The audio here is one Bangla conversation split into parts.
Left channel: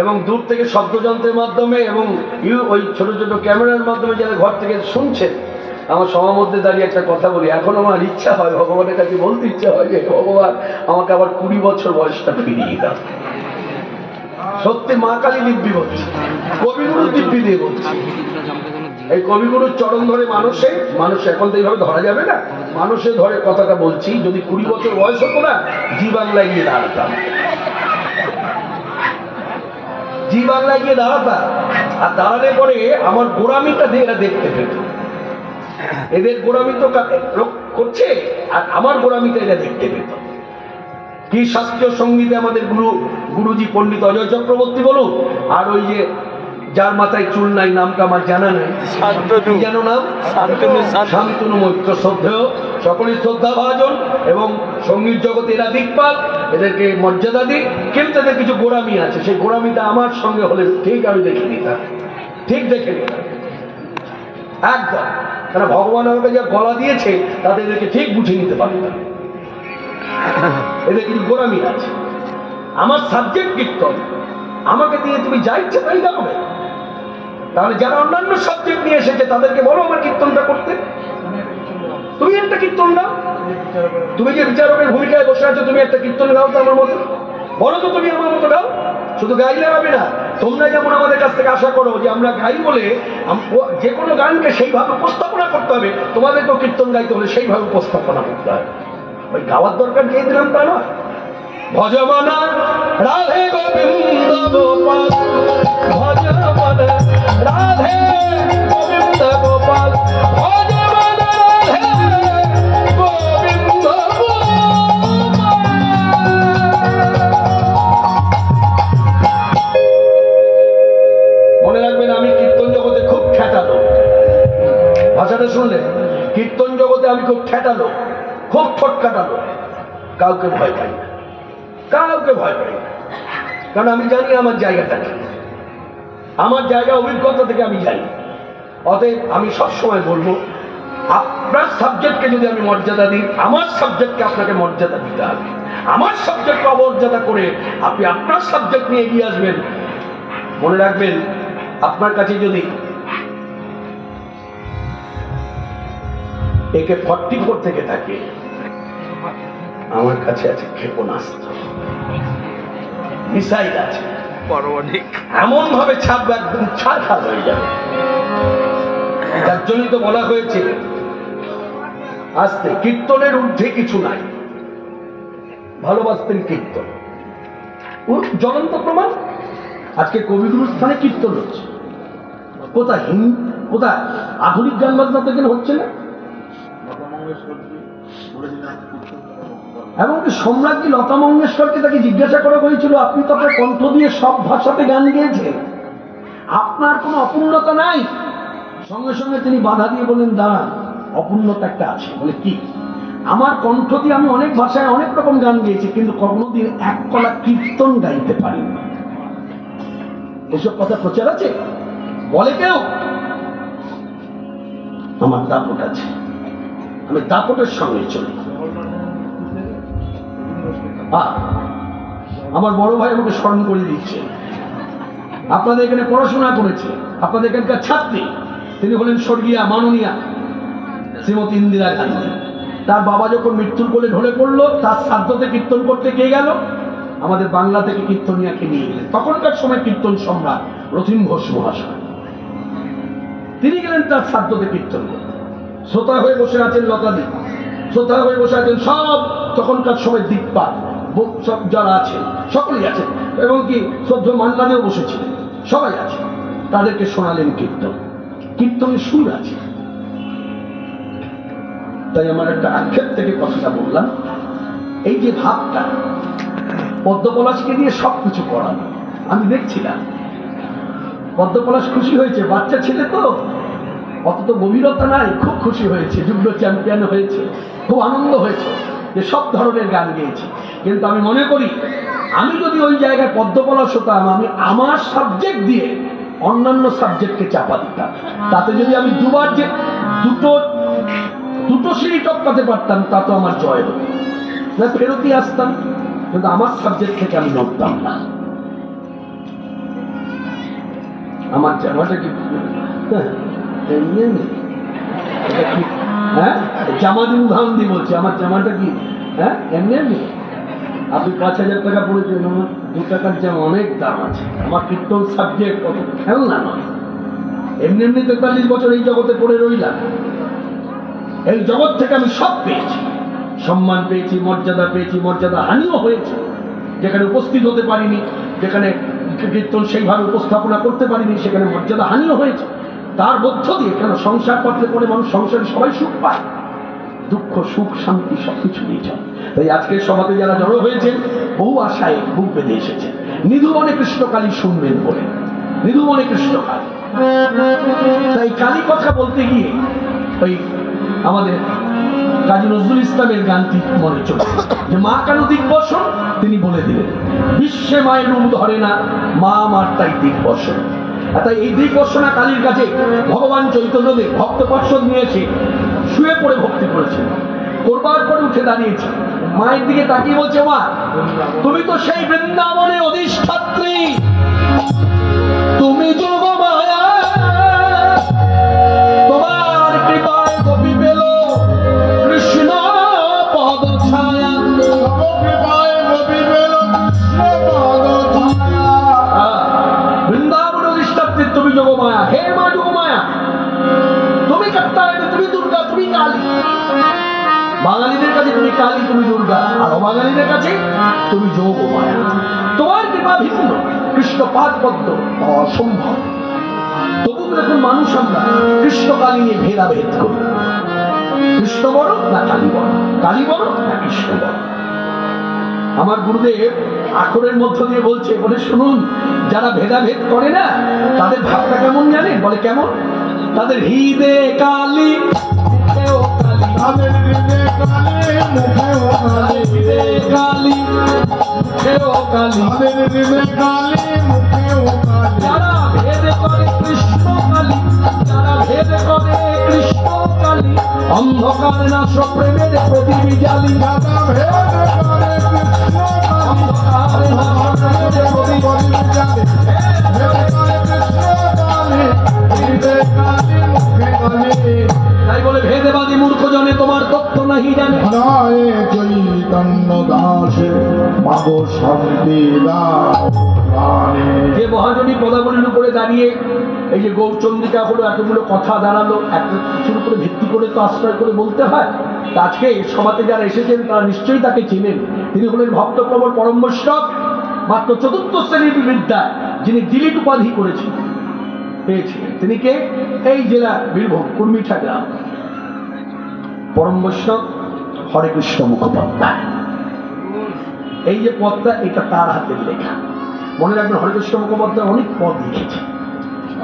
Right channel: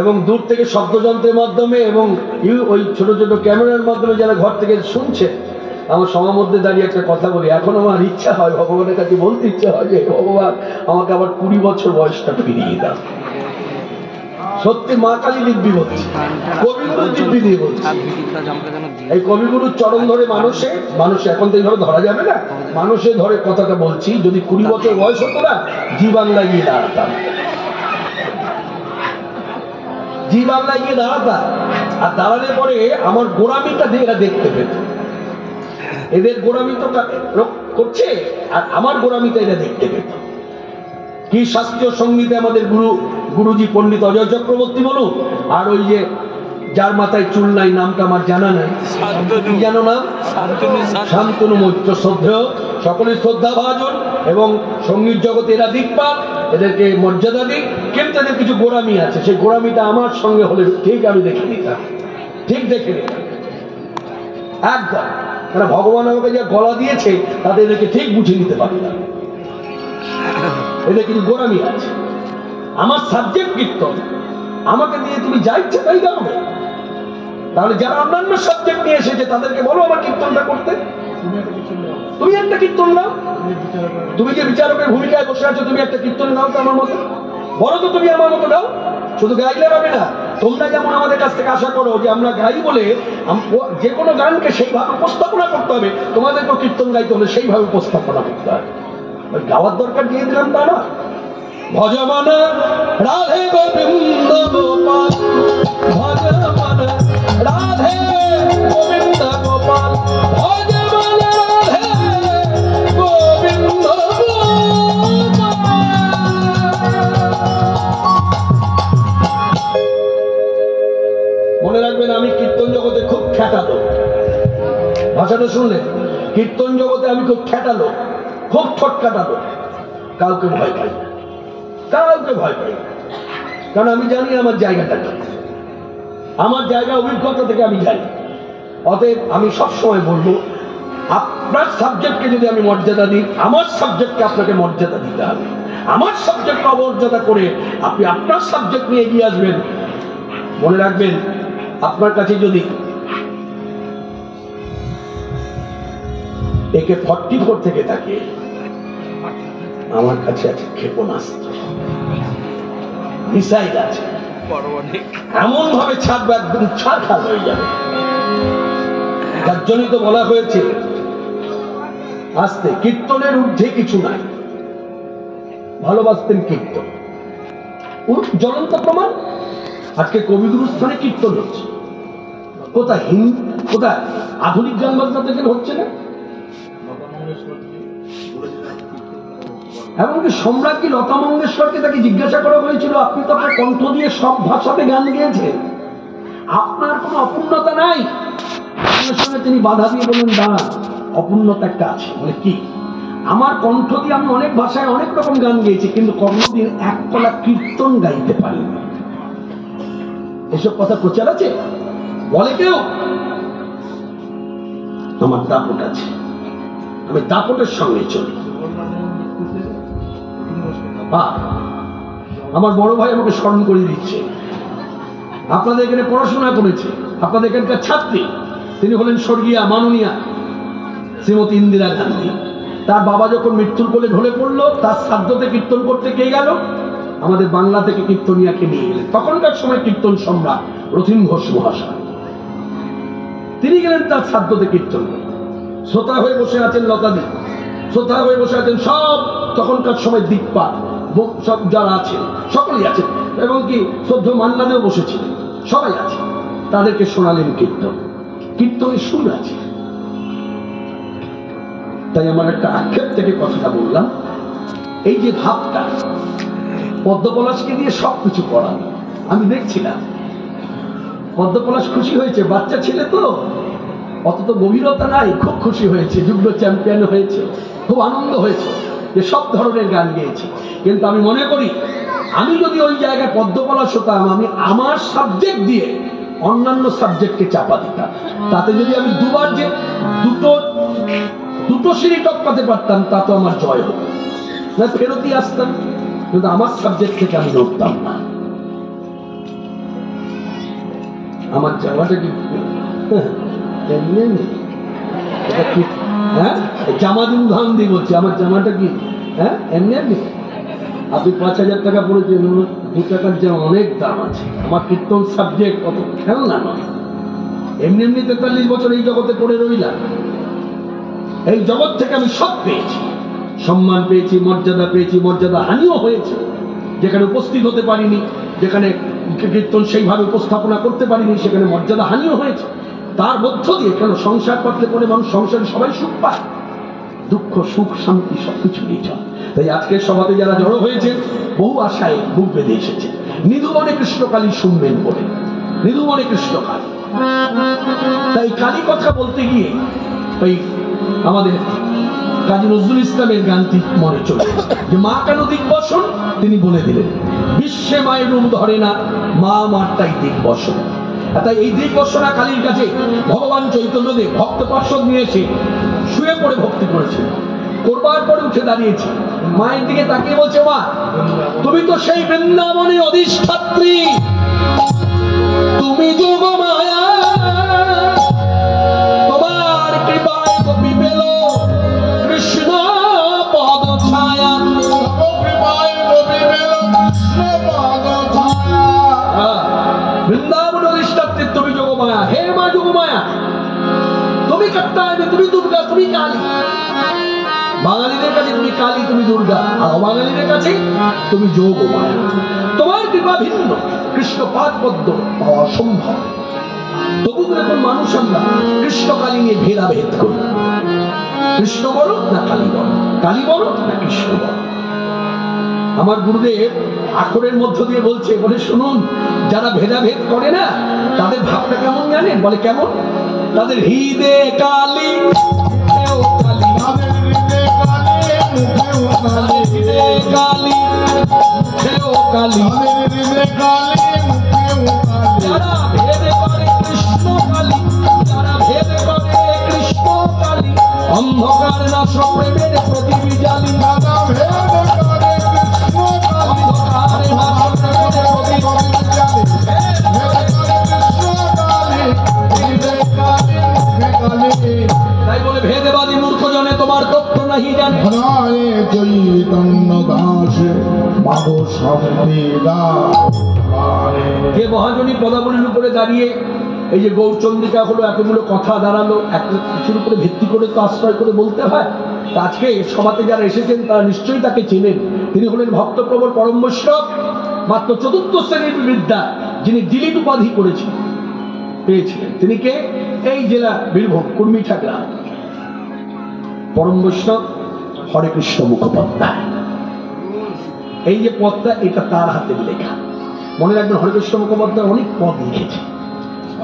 এবং দূর থেকে শব্দযন্ত্রের মাধ্যমে এবং ওই ছোট ছোট ক্যামেরার মাধ্যমে যারা ঘর থেকে শুনছে, আমার সবার মধ্যে দাঁড়িয়ে একটা কথা বলি, এখন আমার ইচ্ছা হয়, ভগবানের কাছে বলতে ইচ্ছে হয় যে ভগবান আমাকে আবার 20 বছর বয়সটা ফিরিয়ে দাও। সত্যি মা কালী দিব্যি বলছি, কবিগুরু দিব্যি দিয়ে বলছি। এই কবিগুরুর চরণ ধরে মানুষ এখন তো এইভাবে ধরা যাবে না, মানুষে ধরে কথাটা বলছি। যদি 20 বছর বয়স হতো না, জি বাংলায় গিয়ে দাঁড়াতাম, জি বাংলায় গিয়ে দাঁড়াতাম। আর দাঁড়ালে পরে আমার গোড়ামিটা দিয়ে এরা দেখতে পেত। এদের গোড়ামি তো করছে, আর আমার গোড়ামিটা এরা দেখতে পেত। কি শাস্ত্রীয় সঙ্গীতে আমাদের গুরুজি পণ্ডিত অজয় চক্রবর্তী বলুন, আর ওই যে যার মাথায় চুল নাই, নামটা আমার জানা নাই, কি জানো নাম? শান্তনু মৈত্র। শ্রদ্ধেয়, সকলের শ্রদ্ধা ভাজন এবং সঙ্গীত জগতে এরা দিকপাল, এদেরকে মর্যাদা দিই। কিন্তু এদের কিছু গোড়ামি আছে, সেই গোড়ামিটা আমার সঙ্গে হলে ঠিক আমি দেখে নিতাম, ঠিক দেখে নিতাম একদম। তারা ভগবান আমাকে যা গলা দিয়েছে তাতে এদেরকে ঠিক বুঝে নিতে পারতাম। এদের কিছু গোড়ামি আছে। আমার সাবজেক্ট কীর্তন, আমাকে দিয়ে তুমি যা ইচ্ছে তাই গাও না। তাহলে যারা অন্যান্য সাবজেক্ট নিয়ে এসেছে তাদেরকে বলো আমার কীর্তনটা করতে। তুমি একটা কীর্তন গাও, তুমি যে বিচারকের ভূমিকায় বসে আছো, তুমি একটা কীর্তন গাও তো আমার মতো, বলো তো তুমি আমার মতো গাও। শুধু গাইলে হবে না, তোমরা যেমন আমাদের কাছ থেকে আশা করো যে আমরা গাই বলে যে কোনো গানকে সেইভাবে উপস্থাপনা করতে হবে, তোমাদেরকে কীর্তন গাইতে হলে সেইভাবে উপস্থাপনা করতে হবে। ওই গাওয়ার দরকার দিয়ে দিলাম তা না। ভজমান রাধে গোবিন্দ গোপাল, ভজমান রাধে গোবিন্দ গোপাল, ভজমান রাধে গোবিন্দ গোপাল। মনে রাখবেন, আমি কীর্তন জগতে খুব খ্যাটালো। ভাষাটা শুনলে, কীর্তন জগতে আমি খুব খ্যাটালো, খুব ঠটকাটালো। কাউকে ভয় পাই না, কাউকে ভয় পাই না, কারণ আমি জানি আমার জায়গাটা, আমার জায়গা অভিজ্ঞতা থেকে আমি জানি। অতএব আমি সবসময় বলবো, আপনার সাবজেক্টকে যদি আমি মর্যাদা দিই, আমার সাবজেক্টকে আপনাকে মর্যাদা দিতে হবে। আমার সাবজেক্টকে অমর্যাদা করে আপনি আপনার সাবজেক্ট নিয়ে এগিয়ে আসবেন, মনে রাখবেন আপনার কাছে যদি AK-44 থেকে থাকে, আমার কাছে আছে ক্ষেপণাস্ত্র, মিসাইল আছে, এমন ভাবে ছাপবে একদম ছাড়খাড় হয়ে যাবে। তার জন্যই তো বলা হয়েছে আস্তে, কীর্তনের ঊর্ধ্বে কিছু নাই। ভালোবাসতেন কীর্তন, জ্বলন্ত প্রমাণ। আজকে কবিগুরু স্থানে কীর্তন হচ্ছে, কোথায় কোথায় আধুনিক গান বাজনা থেকে হচ্ছে না। এমনকি সম্রাজ্ঞী লতা মঙ্গেশকরকে তাকে জিজ্ঞাসা করা হয়েছিল, আপনি তো আপনার কণ্ঠ দিয়ে সব ভাষাতে গান গেয়েছেন, আপনার কোনো অপূর্ণতা নাই? সঙ্গে সঙ্গে তিনি বাধা দিয়ে বলেন, দাঁড়ান, অপূর্ণতা একটা আছে। বলে কি? আমার কণ্ঠ দিয়ে আমি অনেক ভাষায় অনেক রকম গান গেয়েছি, কিন্তু কোনোদিন এক কলা কীর্তন গাইতে পারিনি। এসব কথা প্রচার আছে? বলে কেউ? আমার দাপট আছে, আমি দাপটের সঙ্গে চলি। আমার বড় ভাই আমাকে স্মরণ করে দিচ্ছে, আপনাদের এখানে পড়াশোনা করেছে, আপনাদের এখানকার ছাত্রী, তিনি হলেন স্বর্গীয়া মাননীয়া শ্রীমতী ইন্দিরা গান্ধী। তার বাবা যখন মৃত্যুর কোলে ঢলে পড়লো, তার শ্রাদ্ধতে কীর্তন করতে কে গেল? আমাদের বাংলা থেকে কীর্তনিয়াকে নিয়ে গেলেন। তখনকার সময় কীর্তন সম্রাট রথীন ঘোষ মহাশয়, তিনি গেলেন তার শ্রাদ্ধতে কীর্তন করতে। শ্রোতা হয়ে বসে আছেন লতাদি, শ্রোতা হয়ে বসে আছেন সব তখনকার সময় দিকপাল, সব যারা আছেন সকলেই আছেন, এবং কি শ্রদ্ধ মান্নাদেও বসেছিলেন, সবাই আছে। তাদেরকে শোনালেন কীর্তন, কীর্তনের সুর আছে। তাই আমার একটা আক্ষেপ থেকে কথাটা বললাম, এই যে ভাবটা, পদ্মপলাশকে দিয়ে সবকিছু পড়ানো, আমি দেখছিলাম পদ্মপলাশ খুশি হয়েছে, বাচ্চা ছেলে তো, অত তো গভীরতা নাই, খুব খুশি হয়েছে, যুগ্ম চ্যাম্পিয়ন হয়েছে, খুব আনন্দ হয়েছে যে সব ধরনের গান গেয়েছে। কিন্তু আমি মনে করি, আমি যদি ওই জায়গায় পদ্মপলাশ হতাম, আমি আমার সাবজেক্ট দিয়ে অন্যান্য সাবজেক্টকে চাপা দিতাম। তাতে যদি আমি দুবার যে দুটো সিঁড়ি টপকাতে পারতাম, তা তো আমার জয় হতো না, ফেরতই আসতাম। কিন্তু আমার সাবজেক্ট থেকে আমি নড়তাম না। আমার জামাটা কি হ্যাঁ জামা দিন উদাহরণ দিয়ে বলছি, আমার জামাটা কি হ্যাঁ এমনি এমনি? আপনি 5,000 টাকা পড়েছেন, 2 টাকার জামা অনেক দাম আছে। আমার কীর্তন সাবজেক্ট কত খেলনা নয়। এমনি এমনি 43 বছর এই জগতে পড়ে রইলাম। এই জগৎ থেকে আমি সব পেয়েছি, সম্মান পেয়েছি, মর্যাদা পেয়েছি, মর্যাদা হানিও হয়েছে। যেখানে উপস্থিত হতে পারিনি, যেখানে কীর্তন সেইভাবে উপস্থাপনা করতে পারিনি, সেখানে মর্যাদা হানিও হয়েছে। তার মধ্য দিয়ে কেন সংসার পাতলে পরে মানুষ সংসারে সবাই সুখ পায়, দুঃখ সুখ শান্তি সবকিছু নিয়ে চলে। তাই আজকের সমাজে যারা জড়ো হয়েছেন বহু আশায় বুক বেঁধে এসেছে, নিধুমনে কৃষ্ণকালী শুনবেন বলে, নিধুমনে কৃষ্ণকালী। তাই কালী কথা বলতে গিয়ে এই আমাদের কাজী নজরুল ইসলামের গানটি মনে চলে, যে মা কেন দিগ্বসন তিনি বলে দিলেন, বিশ্বে মায়ের রূপ ধরে না, মা আমার তাই দিগ্বসন। তাই এই দিগ্বসনা কালীর কাছে ভগবান চৈতন্যদেব ভক্ত পর্ষদ নিয়ে এসে শুয়ে পড়ে ভক্তি করেছে। করবার পরে উঠে দাঁড়িয়েছে, মায়ের দিকে তাকিয়ে বলছে, মা তুমি তো সেই বৃন্দাবনের অধিষ্ঠাত্রী, তুমি যোগ মায়া, তোমার কৃপায় গোপী পেল কৃষ্ণ পদ ছায়া, কৃপায় গোপী পেল পদ ছায়া। বৃন্দাবন অধিষ্ঠাত্রী তুমি যোগ মায়া, হে মা যোগ মায়া, তুমি কাত্তায়নী, তুমি দুর্গা, তুমি কালী। বাঙালিদের কাছে তুমি কালী, তুমি দুর্গা, আর অবাঙালিদের কাছে তুমি যোগ মায়া। তোমার কৃপা ভিন্ন, কৃষ্ণ পাদ পদ্ম পাওয়া অসম্ভব। তবু দেখুন মানুষ আমরা কৃষ্ণ কালী নিয়ে ভেদাভেদ করি, কৃষ্ণ বড় না কালী বড়, কালী বড় না কৃষ্ণ বড়। আমার গুরুদেব আখরের মধ্য দিয়ে বলছে, বলে শুনুন, যারা ভেদাভেদ করে না তাদের ভাবটা কেমন জানেন? বলে কেমন? তাদের হৃদে কালী, তাদের হৃদে কালী, মুখেও কালী, হৃদে কালী, মুখেও কালী, তাদের হৃদে কালী, মুখেও কালী। যারা ভেদ করে কৃষ্ণ কালী, যারা ভেদ করে কৃষ্ণ কালী, অন্ধকার নাশ প্রেমের প্রদীপ জ্বালি। যারা ভেদ করে কৃষ্ণ কালী, অন্ধকার নাশ প্রেমের প্রদীপ জ্বালি। ভেদ করে কৃষ্ণ কালী, হৃদে কালী, মুখে কালী। তাই বলে ভেদবাদী মূর্খ জনে তোমার তত্ত্ব নাহি জানে। হরে চৈতন্য দাস মাগো সবেদা। যে মহাজনী পদাবলীর উপরে দাঁড়িয়ে এই যে গৌরচন্দ্রিকা হলো, এতগুলো কথা দাঁড়ালো, এত কিছুর উপরে ভিত্তি করে তো আশ্রয় করে বলতে হয়। আজকে সভাতে যারা এসেছেন তারা নিশ্চয়ই তাকে চেনেন। তিনি হলেন ভক্তপ্রবর পরম বৈষ্ণব, মাত্র 4th শ্রেণীর বিদ্যা, যিনি ডিলিট উপাধি করেছিলেন, পেয়েছিলেন। তিনি কে? এই জেলা বীরভূম কুর্মিঠা গ্রাম, পরম বৈষ্ণব হরে কৃষ্ণ মুখোপাধ্যায়। এই যে পদটা, এটা তার হাতের লেখা। মনে রাখবেন, হরে কৃষ্ণ মুখোপাধ্যায় অনেক পদ লিখেছে,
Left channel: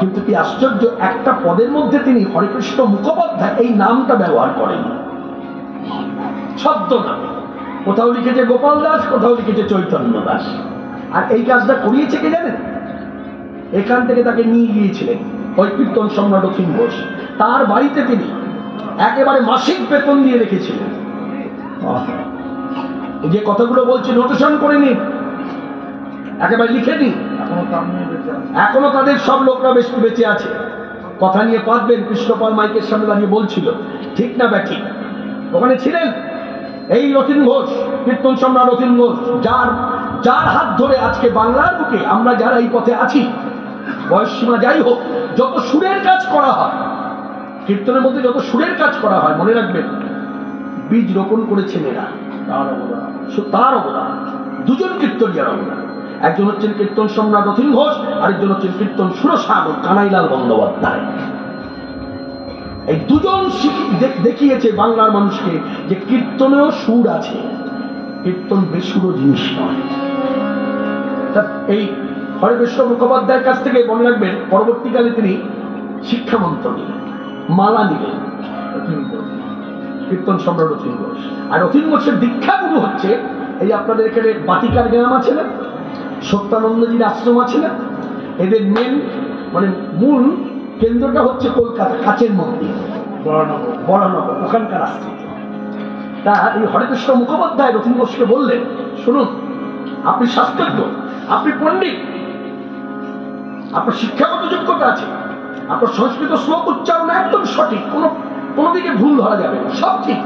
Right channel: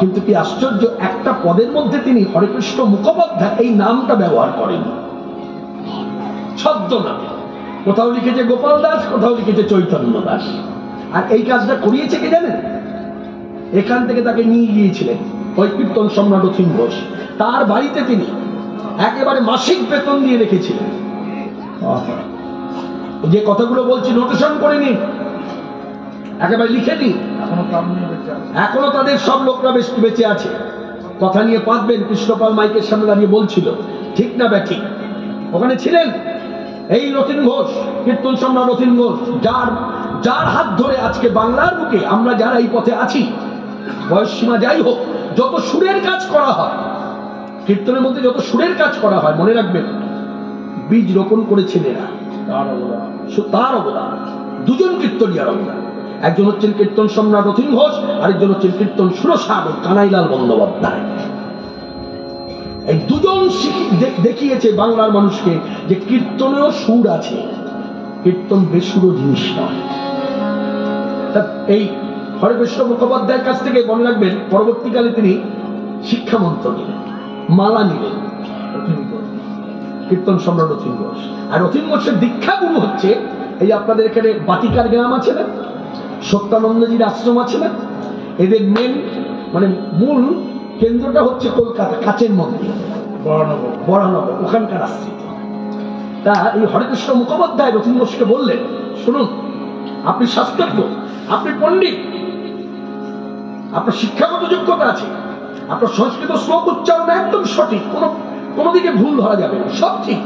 কিন্তু কি আশ্চর্য, একটা পদের মধ্যে তিনি হরে কৃষ্ণ মুখোপাধ্যায় এই নামটা ব্যবহার করেন ছদ্ম নামে। কোথাও লিখেছে গোপাল দাস, কোথাও লিখেছে চৈতন্য দাস। আর এই কাজটা করিয়েছে কে জানেন? এখান থেকে তাকে নিয়ে গিয়েছিলেন ওই কীর্তন সম্রাট অথিন ঘোষ। তার বাড়িতে তিনি একেবারে মাসিক বেতন দিয়ে রেখেছিলেন। যে কথাগুলো বলছি নোটেশন করে নিন, একেবারে লিখে নিন। এখনো তাদের সব লোকরা বেশ বেঁচে আছে। কথা নিয়ে পাতবেন, কৃষ্ণপাল মাইকের সামনে দাঁড়িয়ে বলছিল, ঠিক না ব্যাঠিক? ওখানে ছিলেন এই অথিন ঘোষ, কীর্তন সম্রাট অথিন ঘোষ, যার হাত ধরে আজকে বাংলার বুকে আমরা যারা এই পথে আছি, বয়স সীমা যাই হোক, যত সুরের কাজ করা হয়, কীর্তনের মধ্যে যত সুরের কাজ করা হয়, মনে রাখবেন বীজ রোপণ করেছেন এরা, তার অবদান। দুজন কীর্তনিয়ার অবদান, একজন হচ্ছেন কীর্তন সম্রাট অথিন ঘোষ, আরেকজন হচ্ছেন কীর্তন সুরসাগর কানাইলাল বন্দ্যোপাধ্যায়। এই দুজন দেখিয়েছে বাংলার মানুষকে যে কীর্তনেও সুর আছে, কীর্তন বেসুরো জিনিস নয়। এই হরে কৃষ্ণ মুখোপাধ্যায়ের কাছ থেকে মনে রাখবেন, পরবর্তীকালে তিনি শিক্ষামন্ত্র নিলেন, মালা নিলেন কীর্তন সম্রাট অথিন ঘোষ। আর অথিন ঘোষের দীক্ষাগুরু হচ্ছে এই আপনাদের এখানে বাতিকার গ্রাম আছে না, সত্যানন্দজির আশ্রম আছে না, এদের মেন মানে মূল কেন্দ্রটা হচ্ছে কলকাতা কাচের মন্দির বরানগর, ওখানকার আশ্রিত। তা এই হরেকৃষ্ণ মুখোপাধ্যায় অথিন ঘোষকে বললেন, শুনুন আপনি শাস্ত্রজ্ঞ, আপনি পণ্ডিত, আপনার শিক্ষাগত যোগ্যতা আছে, আপনার সংস্কৃত শ্লোক উচ্চারণ একদম সঠিক, কোনো দিকে ভুল ধরা যাবে না, সব ঠিক,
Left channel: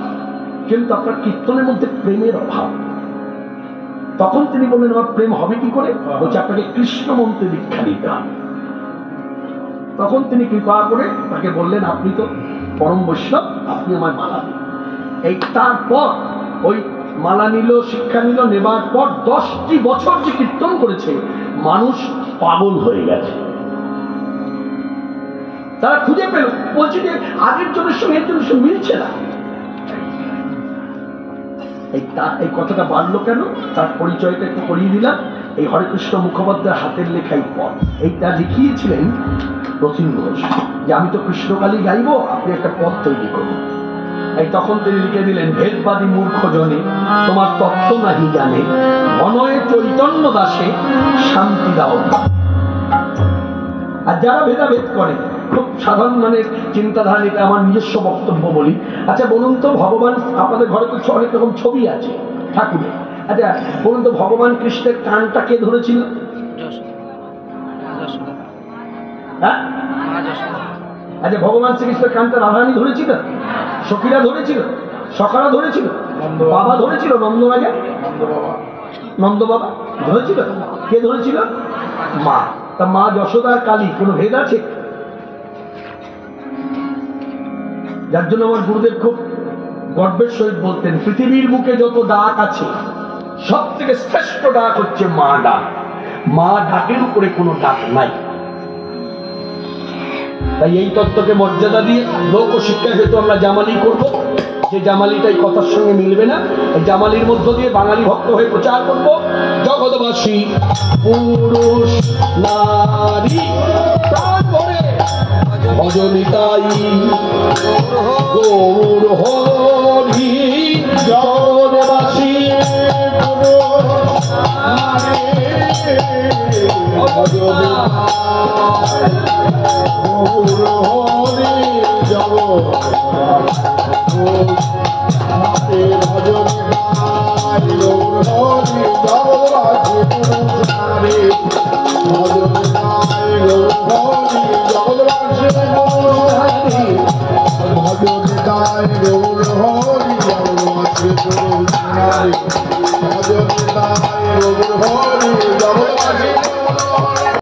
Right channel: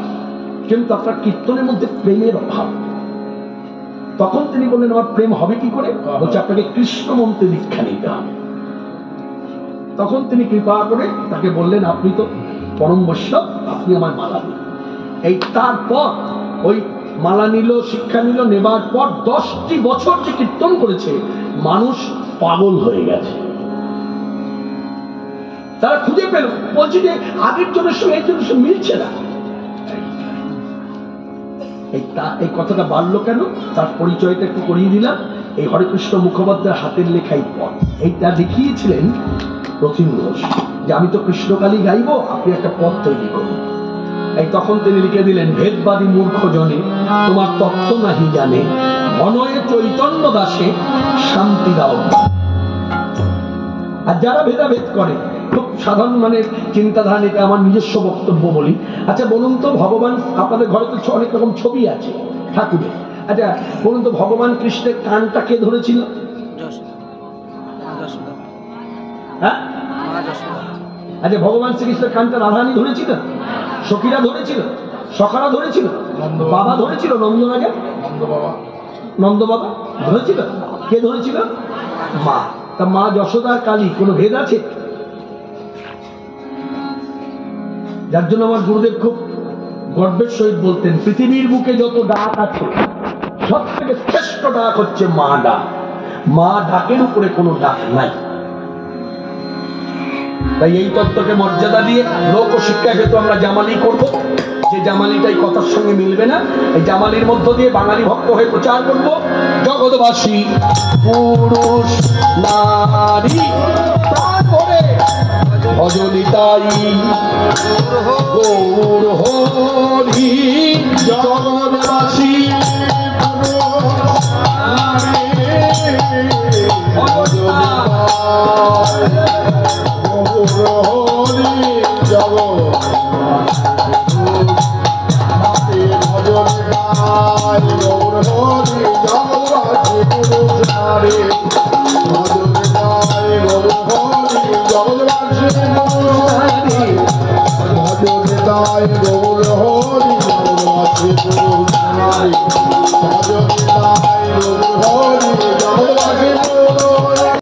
কিন্তু আপনার কীর্তনের মধ্যে প্রেমের অভাব। তখন তিনি বললেন আমার প্রেম হবে কি করে? বলছে আপনাকে কৃষ্ণ মন্ত্রে দীক্ষা নিতে হবে। তখন তিনি কৃপা করে তাকে বললেন আপনি তো পরম বৈষ্ণব, আপনি আমার মালা দিন। এই তারপর ওই মালা নিল, শিক্ষা নিল, নেবার পর 10টি বছর যে কীর্তন করেছে, মানুষ পাগল হয়ে গেছে। তারা খুঁজে পেল, বলছে যে আগের জনের সঙ্গে এর জনের সঙ্গে মিলছে না। এই কথাটা বাড়লো কেন? তার পরিচয়টা একটু করিয়ে দিলাম। এই হরেকৃষ্ণ মুখোপাধ্যায়ের হাতের লেখাই পথ, এইটা দেখিয়েছিলেন প্রতিম ঘোষ, যে আমি তো কৃষ্ণকালী গাইব, আপনি একটা পথ তৈরি করুন। এই তখন তিনি লিখে দিলেন, ভেদবাদী মূর্খ জনে তোমার তত্ত্ব নাহি জানে, মনয়ে চৈতন্য দাসে শান্তি দাও। আর যারা ভেদাভেদ করে, খুব সাধারণ মানে চিন্তাধারা, এটা আমার নিজস্ব বক্তব্য বলি। আচ্ছা বলুন তো, ভগবান, আপনাদের ঘরে তো অনেক রকম ছবি আছে ঠাকুরের, আচ্ছা বলুন তো ভগবান কৃষ্ণের কানটা কে ধরেছিল? হ্যাঁ, আচ্ছা ভগবান শ্রীকৃষ্ণের কানটা রাধারানী ধরেছিল, সখীরা ধরেছিল, সখারা ধরেছিল, বাবা ধরেছিল, নন্দ রাজা, নন্দ বাবা ধরেছিল। কে ধরেছিল? মা। তা মা যশোদার কালী কোনো ভেদ আছে? যার জন্য আমার গুরুদেব খুব গর্বের সহিত বলতেন, পৃথিবীর বুকে যত ডাক আছে সব থেকে শ্রেষ্ঠ ডাক হচ্ছে মা ডাক। মা ডাকের উপরে কোনো ডাক নাই। তাই এই তত্ত্বকে মর্যাদা দিয়ে লোক শিক্ষা হেতু আমরা জামালি করব। যে জামালিটাই কথার সঙ্গে মিলবে না, এই জামালির মধ্য দিয়ে বাঙালি ভক্ত হয়ে প্রচার করব, জগৎবাসী পুরুষ নারী প্রাণ ভরে ভজনিতাই গৌর হরি।